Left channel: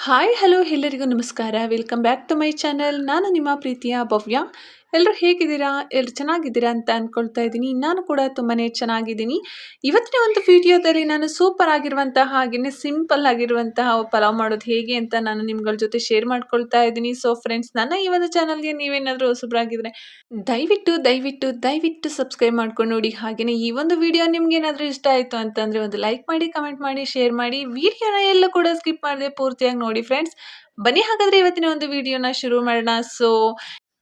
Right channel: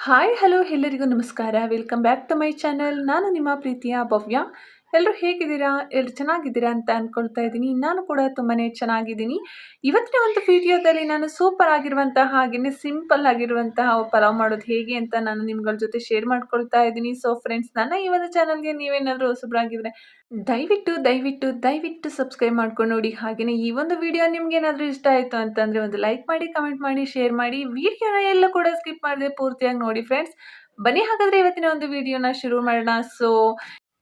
Hi hello ಎಲ್ಲರಿಗೂ ನಮಸ್ಕಾರ. Welcome back to my channel. ನಾನು ನಿಮ್ಮ ಪ್ರೀತಿಯ ಭವ್ಯ. ಎಲ್ಲರೂ ಹೇಗಿದ್ದೀರಾ? ಎಲ್ಲರೂ ಚೆನ್ನಾಗಿದ್ದೀರಾ ಅಂತ ಅಂದ್ಕೊಳ್ತಾ ಇದ್ದೀನಿ. ನಾನು ಕೂಡ ತುಂಬಾನೇ ಚೆನ್ನಾಗಿದ್ದೀನಿ. ಇವತ್ತಿನ ಒಂದು ವಿಡಿಯೋದಲ್ಲಿ ನಾನು ಸೂಪರ್ ಆಗಿರುವಂತಹ ಹಾಗೆಯೇ ಸಿಂಪಲ್ ಆಗಿರುವಂತಹ ಪಲಾವ್ ಮಾಡೋದು ಹೇಗೆ ಅಂತ ನಾನು ನಿಮ್ಗಳ ಜೊತೆ ಶೇರ್ ಮಾಡ್ಕೊಳ್ತಾ ಇದ್ದೀನಿ. ಸೊ ಫ್ರೆಂಡ್ಸ್, ನನ್ನ ಈ ಒಂದು ಚಾನಲ್ಗೆ ನೀವೇನಾದರೂ ಹೊಸಬರಾಗಿದ್ರೆ ದಯವಿಟ್ಟು ಸಬ್ಸ್ಕ್ರೈಬ್ ಮಾಡ್ಕೊಂಡು ನೋಡಿ. ಹಾಗೆಯೇ ಈ ಒಂದು ವಿಡಿಯೋ ನಿಮ್ಗೇನಾದರೂ ಇಷ್ಟ ಆಯಿತು ಅಂತಂದರೆ ಒಂದು ಲೈಕ್ ಮಾಡಿ, ಕಮೆಂಟ್ ಮಾಡಿ, ಶೇರ್ ಮಾಡಿ. ವಿಡಿಯೋನ ಎಲ್ಲ ಕೂಡ ಸ್ಕಿಪ್ ಮಾಡದೆ ಪೂರ್ತಿಯಾಗಿ ನೋಡಿ ಫ್ರೆಂಡ್ಸ್. ಬನ್ನಿ ಹಾಗಾದರೆ ಇವತ್ತಿನ ಒಂದು ವಿಡಿಯೋನ ಶುರು ಮಾಡೋಣ.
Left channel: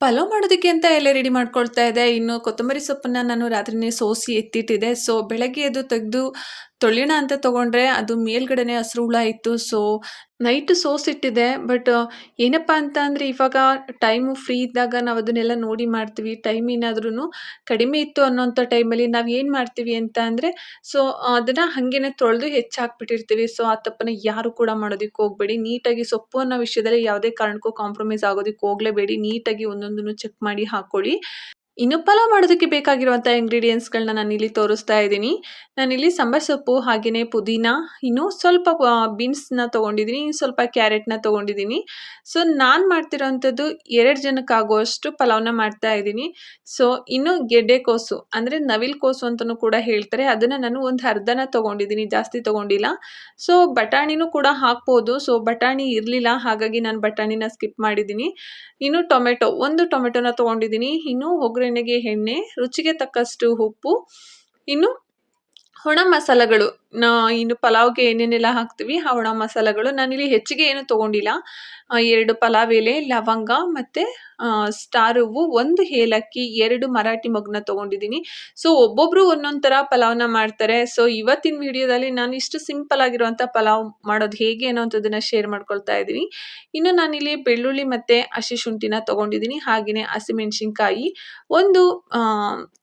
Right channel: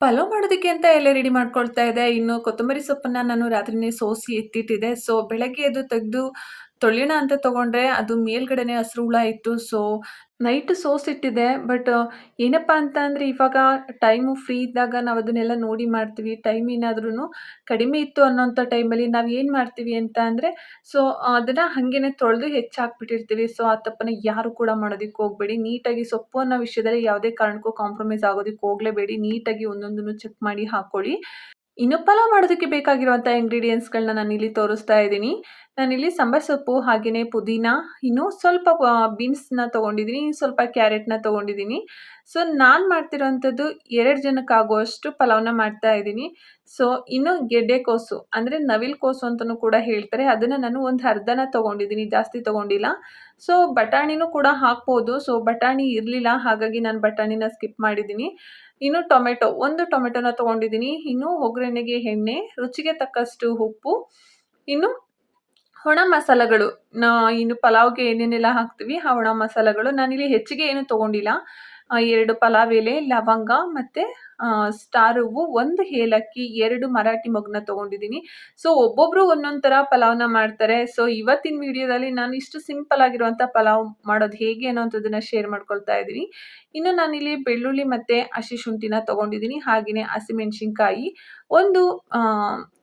ಪಲಾವ್ ಮಾಡೋದಕ್ಕೆ ಅಂತ ಎಲ್ಲ ರೆಡಿ ಮಾಡ್ಕೊಳ್ತಾ ಇದ್ದೆ. ಇನ್ನು ಕೊತ್ತಂಬರಿ ಸೊಪ್ಪನ್ನ ನಾನು ರಾತ್ರಿನೇ ಸೋಸಿ ಎತ್ತಿಟ್ಟಿದ್ದೆ. ಬೆಳಗ್ಗೆ ಅದು ತೆಗೆದು ತೊಳೆಯೋಣ ಅಂತ ತಗೊಂಡ್ರೆ ಅದು ಮೇಲ್ಗಡೆನೆ ಹಸಿರು ಹುಳ ಇತ್ತು. ನೈಟ್ ಸೋಸಿಟ್ಟಿದ್ದೆ. ಬಟ್ ಏನಪ್ಪಾ ಅಂತ ಅಂದ್ರೆ ಇವಾಗ ಟೈಮು ಫ್ರೀ ಇದ್ದಾಗ ನಾವು ಅದನ್ನೆಲ್ಲ ನೋಡಿ ಮಾಡ್ತೀವಿ. ಟೈಮ್ ಏನಾದ್ರೂ ಕಡಿಮೆ ಇತ್ತು ಅನ್ನೋಂಥ ಟೈಮಲ್ಲಿ ನಾವು ಏನು ಮಾಡ್ತೀವಿ ಅಂತ ಅಂದರೆ ಸೊ ಅದನ್ನ ಹಾಗೇನೆ ತೊಳೆದು ಹೆಚ್ಚಾಕ್ಬಿಟ್ಟಿರ್ತೀವಿ. ಆ ತಪ್ಪನ್ನ ಯಾರು ಕೂಡ ಮಾಡೋದಕ್ಕೆ ಹೋಗಬೇಡಿ. ನೀಟಾಗಿ ಸೊಪ್ಪು ಅನ್ನೋ ವಿಷಯದಲ್ಲಿ ಯಾವುದೇ ಕಾರಣಕ್ಕೂ ಕಾಂಪ್ರಮೈಸ್ ಆಗೋದಕ್ಕೆ ಹೋಗಲೇಬೇಡಿ. ನೀಟಾಗಿ ಒಂದೊಂದನ್ನು ಚೆಕ್ ಮಾಡಿ ಹಾಕ್ಕೊಳ್ಳಿ. ಇನ್ನು ಪಲಾವ್ ಮಾಡೋದಕ್ಕೆ ಬೇಕಾಗಿರುವಂಥ ಇಂಗ್ರೀಡಿಯೆಂಟ್ಸ್‌ಗಳನ್ನ ನಾನಿಲ್ಲಿ ತೋರಿಸ್ತಾ ಇದ್ದೀನಿ. ನಾನಿಲ್ಲಿ ಸಾಂಬಾರ್ ಸೊಪ್ಪು, ಹಾಗೆಯೇ ಪುದೀನ, ಇನ್ನು ಸ್ವಲ್ಪ ಬೀನ್ಸ್‌ನ ತೊಗೊಂಡಿದ್ದೀನಿ, ಇನ್ನು ಸ್ವಲ್ಪ ಕ್ಯಾರೆಟ್‌ನ ತೊಗೊಂಡಿದ್ದೀನಿ. ನಾನು ಮಾಡ್ತಿರೋಂಥದ್ದು 2 ಜನಕ್ಕಾಗುವಷ್ಟು ಪಲಾವ್‌ನ ಮಾಡ್ತಾ ಇದ್ದೀನಿ. ಇನ್ನು ಗೆಡ್ಡೆಕೋಸು ಅಂದರೆ ನವಿಲು ಕೋಸು ಅಂತಲೂ ಕೂಡ ಹೇಳ್ತಾರೆ. ಅದನ್ನು ನಾನು ಒಂದು ಅರ್ಧನ ತೊಗೊಂಡಿದ್ದೀನಿ, ಜಾಸ್ತಿ ತೊಗೊಂಡಿಲ್ಲ. ಬಟಾಣಿನೂ ಕೂಡ ಹಾಕ್ಬೋದು. ಬಟಾಣಿ ಇರಲಿಲ್ಲ, ಹಾಗಾಗಿ ನಾನು ಬಟಾಣಿನ ಸ್ಕಿಪ್ ಮಾಡಿದ್ದೀನಿ. ಇನ್ನು ಟೊಮೆಟೊ, 1 ಟೊಮೆಟೊನ ತೊಗೊಂಡಿದ್ದೀನಿ. ಇನ್ನು ಒಗ್ಗರಣೆಗೆ ಎಣ್ಣೆ, ರುಚಿಗೆ ತಕ್ಕಷ್ಟು ಉಪ್ಪು, ಇನ್ನು ಒಣ ಮಸಾಲೆಗಳು. ಇನ್ನು ಪಲಾವ್‌ಗೆ ಏನೇನೆಲ್ಲ ಹಾಕ್ತೀವಿ ಆ ಒಣ ಮಸಾಲೆಗಳು. ನಾನಿಲ್ಲಿ ಹೆಚ್ಚಿಗೆ ಏನು ತೊಗೊಂಡಿಲ್ಲ. 2 ಪಲಾವ್ ಎಲೆ, ಲವಂಗ ಮತ್ತು ಸ್ಟಾರ್ ಹೂವು, 1 ಏಲಕ್ಕಿ, 2 ಮರಾಠಿ ಮೊಗ್ಗನ್ನ ತೊಗೊಂಡಿದ್ದೀನಿ. ಒಬ್ಬೊಬ್ಬರು ಒಂದೊಂದು ಥರ ಪಲಾವ್‌ನ ಮಾಡ್ತಾರೆ. ಇವತ್ತಿನ ವಿಡಿಯೋದಲ್ಲಿ ನಾನು ಇಷ್ಟು ಸಿಂಪಲ್ ಆಗಿರುವಂಥ ಪಲಾವ್ ಮಾಡೋದು ಹೇಗೆ ಅನ್ನೋಂಥದ್ದನ್ನ ಶೇರ್ ಮಾಡ್ಕೊಳ್ತಾ ಇದ್ದೀನಿ. ಇನ್ನು ನಾನಿಲ್ಲಿ ಬೆಳ್ಳುಳ್ಳಿ ಮತ್ತು ಹಸಿ ಶುಂಠಿನ ತೊಗೊಂಡಿದ್ದೀನಿ. ಹಾಗೆಯೇ ಹಸಿಮೆಣಸಿನ್ಕಾಯಿ, ಒಂದು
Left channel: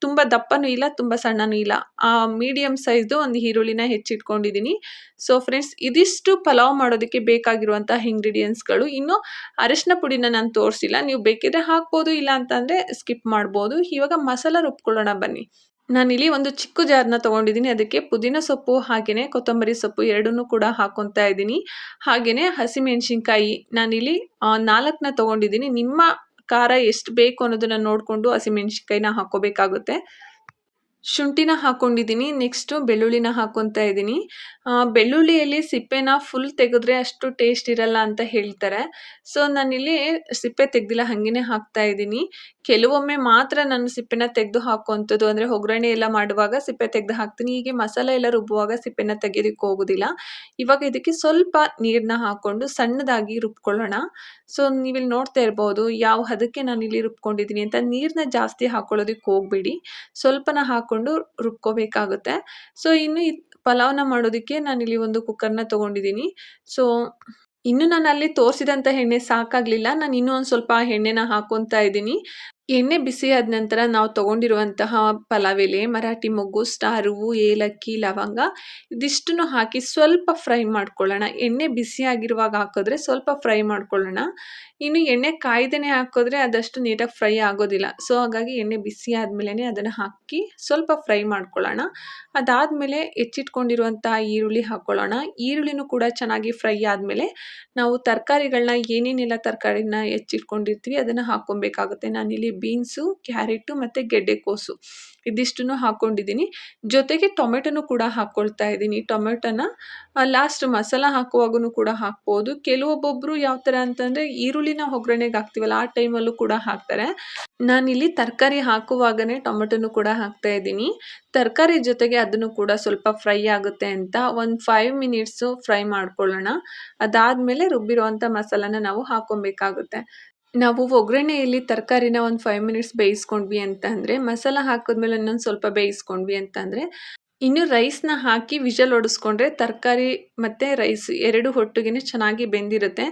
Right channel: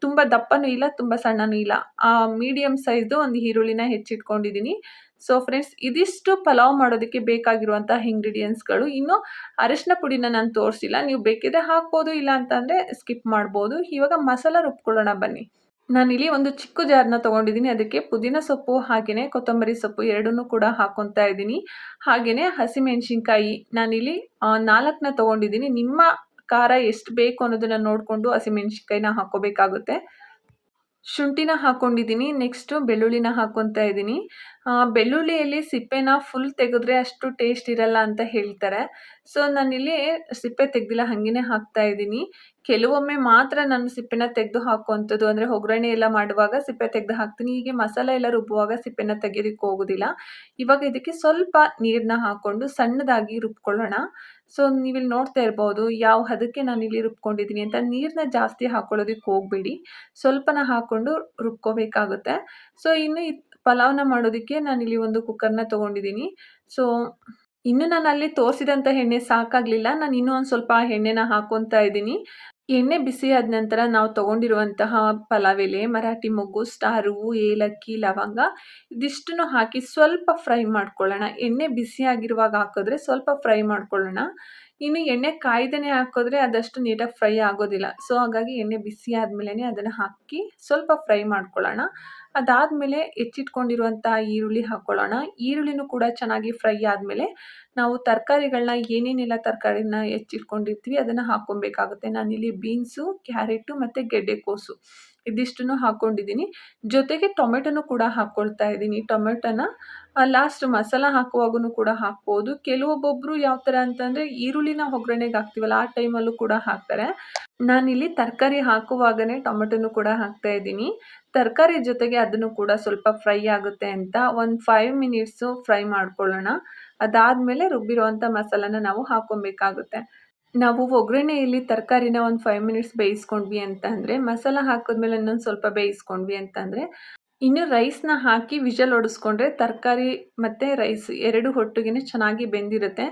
ತುಂಬ ದಪ್ಪನೂ ಇಲ್ಲ, ತುಂಬ ಸಣ್ಣನೂ ಇಲ್ಲ, ಮೀಡಿಯಮ್ ಸೈಜ್ದು ಒಂದು ಈರುಳ್ಳಿನ ಹೆಚ್ಚಿಟ್ಕೊಂಡಿದ್ದೀನಿ. ಫ್ರೆಂಡ್ಸ್, ಇದಿಷ್ಟು ಪಲಾವ್ ಮಾಡೋದಕ್ಕೆ ಬೇಕಾಗಿರುವಂತಹ ಇಂಗ್ರೀಡಿಯೆಂಟ್ಸ್‌ಗಳು. ಇನ್ನು ಅರಿಶಿನ ಪುಡಿನ ನಾನು ತೋರಿಸಿಲ್ಲ, ನೀವು ಬೇಕಿದ್ರೆ ಹಾಕ್ಬೋದು, ಇಲ್ಲ ಅಂತಂದರೆ ಸ್ಕಿಪ್ ಮಾಡ್ಬೋದು. ಇವಾಗ ಮಸಾಲ ರುಬ್ಕೊಳ್ಳೋಣ ಬನ್ನಿ. ನಾನಿಲ್ಲಿ ಒಂದು ಚಿಕ್ಕ ಜಾರ್‌ನ ತೊಗೊಂಡಿದ್ದೀನಿ. ಅದಕ್ಕೆ ಪುದೀನ ಸೊಪ್ಪು ಹಾಗೆಯೇ ಕೊತ್ತಂಬರಿ ಸೊಪ್ಪು ಎರಡನ್ನೂ ಕೂಡ ಹಾಕ್ಕೊತಾ ಇದ್ದೀನಿ. ಹಾಗೆಯೇ ಹಸಿಮೆಣಸಿನ್ಕಾಯಿ ನಾನಿಲ್ಲಿ 4ನ ತೊಗೊಂಡಿದ್ದೀನಿ. ನಿಮ್ಮ ಖಾರ ಎಷ್ಟು ಬೇಕು ಅನ್ನೋದನ್ನ ನೋಡಿಕೊಂಡು ಹಸಿಮೆಣಸಿನ್ಕಾಯಿನ ಹಾಕ್ಕೋಬೇಕಾಗುತ್ತೆ. ಶುಂಠಿನ ಹಾಕ್ಕೊಂಡಿದ್ದೀನಿ. ನೆಕ್ಸ್ಟು ಬೆಳ್ಳುಳ್ಳಿನ ಹಾಕ್ಕೊತಾ ಇದ್ದೀನಿ. ಬೆಳ್ಳುಳ್ಳಿಯಲ್ಲಿ ಸಿಪ್ಪೆನ ಫುಲ್ ತೆಗೆದ್ರೆ ಅಷ್ಟು ಟೇಸ್ಟ್ ಇರಲ್ಲ ಅಂತ ಹೇಳ್ತಾರೆ. ನಾನಿಲ್ಲಿ ಸಿಪ್ಪೆ ತೆಗೆದಿಲ್ಲ, ಹಾಗೇನೆ ಹಾಕ್ತಾ ಇದ್ದೀನಿ. ಕೆಲವೊಮ್ಮೆ ಮಾತ್ರ ನಾನು ಸಿಪ್ಪೆನ ತೆಗೆದು ಹಾಕುವಂಥದ್ದು. ಅಂದರೆ ಒಗ್ಗರಣೆ ಎಲ್ಲ ಮಾಡುವಾಗ ಸಿಪ್ಪೆ ತೆಗೆದು ಹಾಕ್ತೀನಿ. ಹೀಗೆ ಮಸಾಲೆ ಎಲ್ಲ ರುಬ್ಬುವಾಗ ಸಿಪ್ಪೆನ ತೆಗೆಯೋದಕ್ಕೆ ಹೋಗೋದಿಲ್ಲ. ಇವಾಗ ಇದಕ್ಕೆ ಸ್ವಲ್ಪ ನೀರನ್ನ ಹಾಕ್ಕೊಂಡು ಸಣ್ಣದಾಗಿ ರುಬ್ಕೊಳ್ಳೋಣ. ನೀವಿಲ್ಲಿ ನೋಡ್ತಾ ಇರ್ಬೋದು ಯಾವ ಹದಕ್ಕೆ ನಾನಿಲ್ಲಿ ರುಬ್ಕೊಂಡಿದ್ದೀನಿ ಅಂತ. ನೀರನ್ನ ಜಾಸ್ತಿ ಹಾಕ್ಕೊಳ್ಳೋದಕ್ಕೆ ಹೋಗಬೇಡಿ, ಸ್ವಲ್ಪನ ಹಾಕ್ಕೊಂಡು ರುಬ್ಕೋಬೇಕಾಗುತ್ತೆ. ಇನ್ನು ಪಲಾವ್‌ನ ಮಾಡೋದಕ್ಕೆ ನಾನಿಲ್ಲಿ ಒಂದು ಕುಕ್ಕರ್‌ನ ತೊಗೊಂಡಿದ್ದೀನಿ. ಸೊ ಇನ್ನು ನಾನು ಅಲ್ಲಿ ತೋರಿಸಿದಂಥ ಎಣ್ಣೆ ಸಾಕಾಗಲಿಲ್ಲ. ನಾನು ಇನ್ನೂ ಒಂದು ಸ್ವಲ್ಪ ಎಣ್ಣೆನ ಹಾಕ್ಕೊತಾ ಇದ್ದೀನಿ. ಎಣ್ಣೆ ಬಿಸಿ ಆದ ನಂತರ ನಾವು ತೊಗೊಂಡಿರುವಂತಹ ಪಲಾವ್ ಎಲೆ, ಮರಾಠಿ ಮೊಗ್ಗು, ಸ್ಟಾರ್ ಹೂವು, ಏಲಕ್ಕಿ, ಲವಂಗ ಇದಿಷ್ಟನ್ನು ಹಾಕಿ ಸ್ವಲ್ಪ ಫ್ರೈ ಮಾಡ್ಕೊಳ್ಳೋಣ. ಎಣ್ಣೆ ಬಿಸಿಯಾಗಿರುವಾಗ ಹಾಕಿದ್ರೆ ಸ್ವಲ್ಪ ಫ್ರೈ ಮಾಡ್ಕೊಳ್ಳೋಣ. ಇನ್ನು ಎಣ್ಣೆ ಕಾಯ್ದೇನೆ ಹಾಕಿದ್ರೆ ಅದಷ್ಟು ನೀಟಾಗಿ ಫ್ರೈ ಆಗೋದಿಲ್ಲ. ಹಾಗಾಗಿ ಎಣ್ಣೆ ಬಿಸಿ ಆದಮೇಲೆ ಅದನ್ನು ಹಾಕಿ ಸ್ವಲ್ಪ ಫ್ರೈ ಮಾಡ್ಕೊಳ್ಳೋಣ. ಅದಾದಮೇಲೆ ಹೆಚ್ಚಿಟ್ಕೊಂಡಿರುವಂತಹ ಈರುಳ್ಳಿ ಹಾಕ್ಕೊಳ್ಳೋಣ. ಈರುಳ್ಳಿನೂ ಕೂಡ ಚೆನ್ನಾಗಿ ಫ್ರೈ ಆದಮೇಲೆ ನಾವು ತರಕಾರಿಗಳನ್ನ ಏನೇನೆಲ್ಲ ತರಕಾರಿನ ಹೆಚ್ಚಿಟ್ಕೊಂಡಿರ್ತೀವಿ ಅದನ್ನು ಹಾಕ್ಕೊಬೇಕಾಗುತ್ತೆ. ನಾನಿಲ್ಲಿ ಬೀನ್ಸು, ಕ್ಯಾರೆಟು ಮತ್ತು ಗೆಡ್ಡೆಕೋಸು ಇದಿಷ್ಟನ್ನು ಹಾಕ್ಕೊಂಡಿದ್ದೀನಿ. ಜೊತೆಗೆ ಟೊಮೆಟೊನೂ ಕೂಡ ಹಾಕ್ಕೊಳ್ತಾ ಇದ್ದೀನಿ. ಟೊಮೆಟೊನ ಲಾಸ್ಟ್ ಮಸಾಲ ಹಾಕುವಾಗೂ ಕೂಡ ಹಾಕ್ಬೋದು. ಕೆಲವೊಬ್ಬೊಬ್ಬರು ಯಾವ ಥರ ಅಂತಂದರೆ ಈರುಳ್ಳಿನ ಒಗ್ಗರಣೆಗೆ ಹಾಕ್ತೀವಲ್ಲ ಆ ಟೈಮಲ್ಲೂ ಕೂಡ ಹಾಕ್ತಾರೆ. ನಾನಿಲ್ಲಿ ತರಕಾರಿ ಹಾಕುವಾಗನೇ ಟೊಮೆಟೊನೂ ಕೂಡ ಹಾಕ್ತಾ ಇದ್ದೀನಿ. ತರಕಾರಿ ಜೊತೆಗೆ ಅದನ್ನು ಕೂಡ ಸ್ವಲ್ಪ ಫ್ರೈ ಆಗುತ್ತೆ ಅಂತ ಒಂದು 5 ಮಿನಿಟ್ಸು ಫ್ರೈ ಮಾಡ್ಕೊಳ್ಳೋಣ. ಅದಾದಮೇಲೆ ರುಬ್ಬಿರುವಂಥ ಮಸಾಲಾನ ನಾವು ಹಾಕ್ಕೊಬೇಕಾಗುತ್ತೆ. ನಾವು ಒಗ್ಗರಣೆಯಲ್ಲಿ ತರಕಾರಿನ ಒಂದು 5 ಮಿನಿಟ್ಸ್ ಬೇಯಿಸ್ಕೊಂಡ್ವಿ ಅಂತ ಅಂದರೆ, ಮಸಾಲ ಹಾಕಿದ್ಮೇಲೆ ಇನ್ನೊಂದು ಸ್ವಲ್ಪ ಬೇಯಿಸ್ಕೊಂಡ್ವಿ ಅಂತಂದರೆ, ಇನ್ನು ರೈಸ್‌ನ ಹಾಕಿ ವಿಷಲ್ ಹೊಡೆಸ್ಕೊಂಡ್ರೆ ತರಕಾರಿ ಮತ್ತು ರೈಸ್ 2 ಒಟ್ಟಿಗೆನೇ ಚೆನ್ನಾಗಿ ಬೆಂದಿರುತ್ತೆ.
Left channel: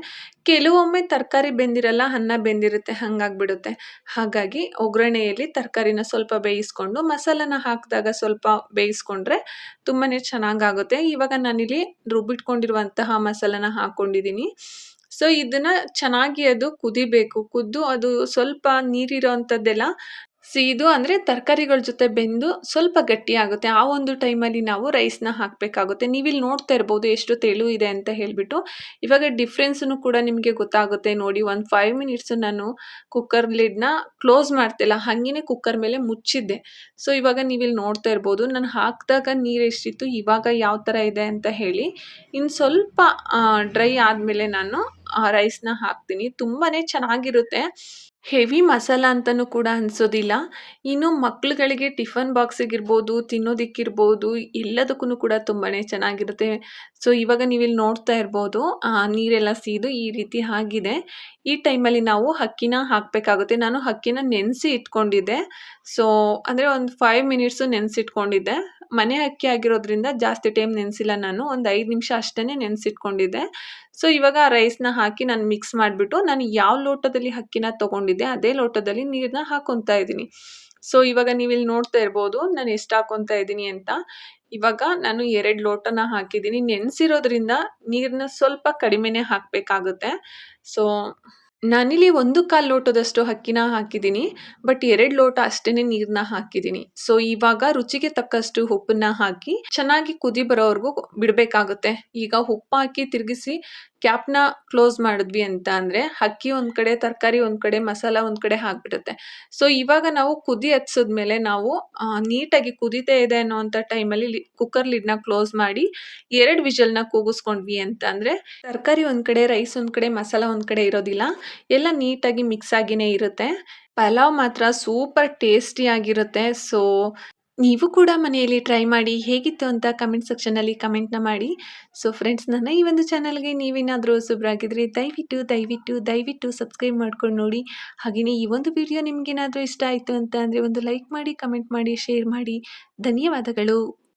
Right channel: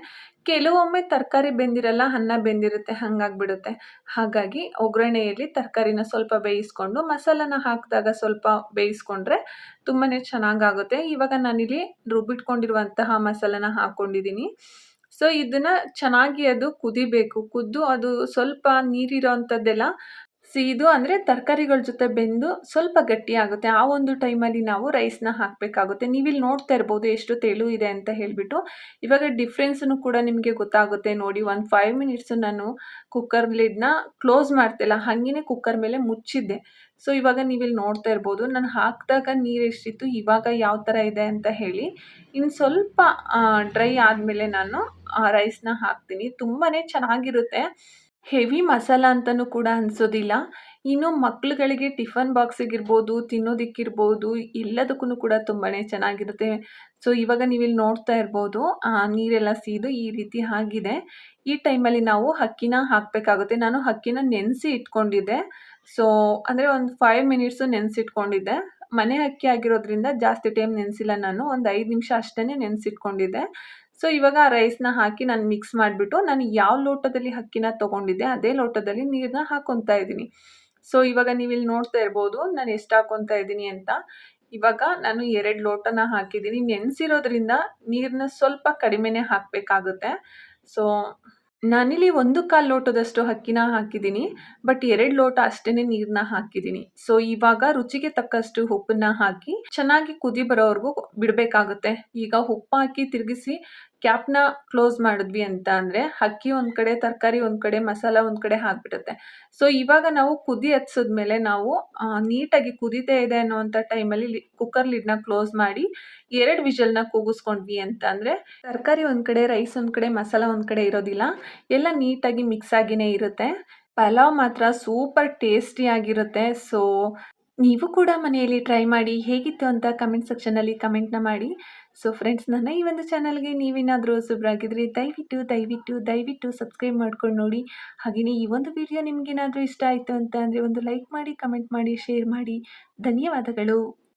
ಕೆಲವೊಮ್ಮೆ ತರಕಾರಿ ಬೆಂದಿರಲ್ಲ, ಅನ್ನ ಬೆಂದಿರುತ್ತೆ, ಹಾಗಾಗ್ಬಿಡುತ್ತೆ. ಹಾಗಾಗಿ ಒಗ್ಗರಣೆಯಲ್ಲಿ ತರಕಾರಿನ ಸ್ವಲ್ಪ ಬೇಯಿಸ್ಕೊಂಡು ಮಸಾಲಾನ ಹಾಕಿದಾಗ ಸ್ವಲ್ಪ ಬೇಯಿಸ್ಕೊಂಡ್ರೆ ತುಂಬಾ ಚೆನ್ನಾಗಾಗುತ್ತೆ. ಇವಾಗ ನಾನಿಲ್ಲಿ ರುಬ್ಬಿಟ್ಕೊಂಡಿರುವಂತಹ ಮಸಾಲಾನ ಹಾಕ್ಕೊಂಡಿದ್ದೀನಿ. ಇದನ್ನು ಚೆನ್ನಾಗಿ ಅದು ಕುದಿಬೇಕು. ಕುದ್ದು ಅದು ಸ್ವಲ್ಪ ನೀರಿರೋ ಅಂಥದ್ದೆಲ್ಲ ಸೀದು ಅಂದರೆ ತರಕಾರಿಗಳ ಜೊತೆ ಬೆಂದು ಸ್ವಲ್ಪ ಗಟ್ಟಿಯಾಗುತ್ತೆ. ಆ ಒಂದು ಟೈಮಲ್ಲಿ ನಾವು ರೈಸ್‌ನ ಹಾಕಬೇಕಾಗುತ್ತೆ. ನೀವಿಲ್ಲಿ ನೋಡ್ತಾ ಇರ್ಬೋದು ಎಷ್ಟು ತೆಳು ಇದೆ ಅಂತ ಹೇಳ್ಬಿಟ್ಟು. ಇವಾಗ ಡಿಫ್ರೆನ್ಸನ್ನು ಕೂಡ ನಿಮಗೆ ಗೊತ್ತಾಗುತ್ತೆ ನೋಡಿ. ಒಂದು 5 ಮಿನಿಟ್ಸ್ ನಾನು ಕುಕ್ಕರ್ ಲಿಡ್‌ನ ಕ್ಲೋಸ್ ಮಾಡ್ತಿಲ್ಲ. ಹಂಗೇನೆ ಕುಕ್ಕರ್ ಮೇಲೆ ಮುಚ್ಚಿದ್ದೆ. ಸೊ, ಇವಾಗ ನೀವಿಲ್ಲಿ ನೋಡ್ತಾ ಇರ್ಬೋದು ನಾನು ಹಾಕಿದಾಗ ನೀರು ಎಷ್ಟಿತ್ತು, ಇವಾಗ ಯಾವ ಥರ ಇದೆ ಅಂತ ಹೇಳಿ. ಇನ್ನು ಸ್ವಲ್ಪ ಡ್ರೈ ಆದಮೇಲೆ ನಾನು ರೈಸ್‌ನ ಹಾಕ್ತೀನಿ. ತುಂಬಾನೇ ಚೆನ್ನಾಗಿರುತ್ತೆ. ಹೆವಿ ಮಸಾಲ ಅಂತನೂ ಕೂಡ ಅನ್ಸೋದಿಲ್ಲ. ಇನ್ನು ಮಕ್ಳುಗಳಿಗೆ ಟಿಫನ್ ಬಾಕ್ಸಿಗಿರ್ಬೋದು, ತಿನ್ನೋದಿಕ್ಕಿರ್ಬೋದು, ಎಲ್ಲದಕ್ಕೂ ಕೂಡ ತುಂಬಾನೇ ಚೆನ್ನಾಗಿರುತ್ತೆ. ಸೊ, ಇವಾಗ ನೀವಿಲ್ಲಿ ನೋಡ್ತಾ ಇರ್ಬೋದು ನೀರೆಲ್ಲ ಸೀದು ಈ ರೀತಿ ಆಗಿದೆ. ಈ ಟೈಮಲ್ಲಿ ನಾವು ಅಕ್ಕಿನ ಹಾಕಬೇಕಾಗುತ್ತೆ. ನಾನು ಅಕ್ಕಿನ ನೆನೆಸಿ ಇಟ್ಕೊಂಡಿದ್ದೆ. ಸೊ, ಅಂದರೆ ಒಂದು 5 ಮಿನಿಟ್ಸು ನೆನೆಸಿಟ್ಕೊಂಡಿದ್ದೆ. ಮನೆ ಅಕ್ಕಿ ಆಗಿರೋದ್ರಿಂದ ಜಾಸ್ತಿ ಟೈಮ್ ನೆನೆಸಿಲ್ಲ ನಾನು. ಒಂದು 5 ನಿಮಿಷ ಅಷ್ಟೇ ನೆನೆಸಿಟ್ಕೊಂಡಿದ್ದೆ. ಸೊ, ಇವಾಗ ಆ ರೈಸ್‌ನ ಹಾಕಿ ನಾನು ಮಿಕ್ಸ್ ಮಾಡಿಬಿಟ್ಟು, ನಾನು ಯಾವ ಲೋಟದಲ್ಲಿ ಅಕ್ಕಿನ ತೊಗೊಂಡಿದ್ದೆ, ಅದೇ ಲೋಟದಲ್ಲಿ ನೀರನ್ನ ಹಾಕ್ಕೊತಾ ಇದ್ದೀನಿ. ಸೊ, ಇವಾಗ ನೀವಿಲ್ಲಿ ನೋಡ್ತಾ ಇರ್ಬೋದು ನಾನು ಎಷ್ಟು ಹಾಕ್ಕೊತಾ ಇದ್ದೀನಿ ಅಂತ. ಇವಾಗ ನಾನು 2 ಲೋಟನ ಹಾಕಿದ್ದೀನಿ. ನೆನೆಸಿರೋದ್ರಿಂದ ನೀರನ್ನ ಸ್ವಲ್ಪ ಕಡಿಮೆನೇ ಹಾಕಬೇಕಾಗುತ್ತೆ. ಸೊ, ನಾನಿಲ್ಲಿ 1/4 ಲೋಟದಷ್ಟು ಅಕ್ಕಿನ ಹಾಕಿದ್ದೀನಿ. ಬಟ್ 2 ಲೋಟ ಅಷ್ಟೇನೆ ನೀರನ್ನ ಹಾಕಿದ್ದೀನಿ. ಸೊ, ಇವಾಗ ರುಚಿಗೆ ತಕ್ಕಷ್ಟು ಉಪ್ಪನ್ನ ಹಾಕಿ ಚೆನ್ನಾಗಿ ಕುದಿ ಬರೋವರೆಗೂ ಬಿಡಬೇಕಾಗುತ್ತೆ. ಈಗ ಉಪ್ಪು ಹಾಕಿ ತಿರುಗಿಸಿ ಕ್ಯಾಪ್‌ನ ಕ್ಲೋಸ್ ಮಾಡಿದ್ವಿ ಅಂತ ಅಂದರೆ ಅಕ್ಕಿ ಒಂದು ಕಡೆ, ತರಕಾರಿ ಒಂದು ಕಡೆ, ಮಸಾಲ ಒಂದು ಕಡೆ ಆಗ್ಬಿಡುತ್ತೆ. ಸೊ, ಇವಾಗ ನಾವು ಕುದಿ ಹತ್ಸಿದ್ಮೇಲೆ ನಾವು ನೀಟಾಗಿ ಕುದೀತಾ ಇದೆ ಅನ್ನೋವಂಥ ಟೈಮಲ್ಲಿ ಕುಕ್ಕರ್ ಲಿಡ್‌ನ ಕ್ಲೋಸ್ ಮಾಡಿ 2 ವಿಷಲ್‌ನ ಕೂಗಿಸ್ಕೊಂಡ್ವಿ ಅಂತ ಅಂದರೆ ತರಕಾರಿ ಒಂದು ಕಡೆ, ರೈಸ್ ಒಂದು ಕಡೆ, ಮಸಾಲ ಒಂದು ಕಡೆ ಇರೋದಿಲ್ಲ. ಎಲ್ಲ ನೀಟಾಗಿ ಮಿಕ್ಸ್ ಆಗಿನೇ ಇರುತ್ತೆ. ಪಲಾವ್ ಮಾತ್ರ ಸೂಪರ್ ಟೇಸ್ಟಿಯಾಗಿರುತ್ತೆ. ಸೊ, ನೀವು ಕೂಡ ಮನೆಯಲ್ಲಿ ಟ್ರೈ ಮಾಡಿ ಹೇಗಿತ್ತು ಅಂತ ಕಮೆಂಟ್ ಸೆಕ್ಷನಲ್ಲಿ ಕಮೆಂಟ್‌ನ ಮಾಡಿ. ಸೊ, ಫ್ರೆಂಡ್ಸ್ ನನ್ನ ಈ ಒಂದು ಚಾನಲ್‌ಗೆ ನೀವೇನಾದರೂ ಹೊಸಬ್ರಾಗಿದ್ರೆ ದಯವಿಟ್ಟು ಸಬ್ಸ್ಕ್ರೈಬ್ ಮಾಡ್ಕೊಂಡು ನೋಡಿ. ಹಾಗೆಯೇ ಈ ಒಂದು ವಿಡಿಯೋ ನಿಮಗೇನಾದರೂ ಇಷ್ಟ ಆಯಿತು ಅಂತ ಅಂದರೆ ಒಂದು ಲೈಕ್ ಮಾಡಿ, ಕಮೆಂಟ್ ಮಾಡಿ, ಶೇರ್ ಮಾಡಿ. ಧನ್ಯವಾದಗಳು.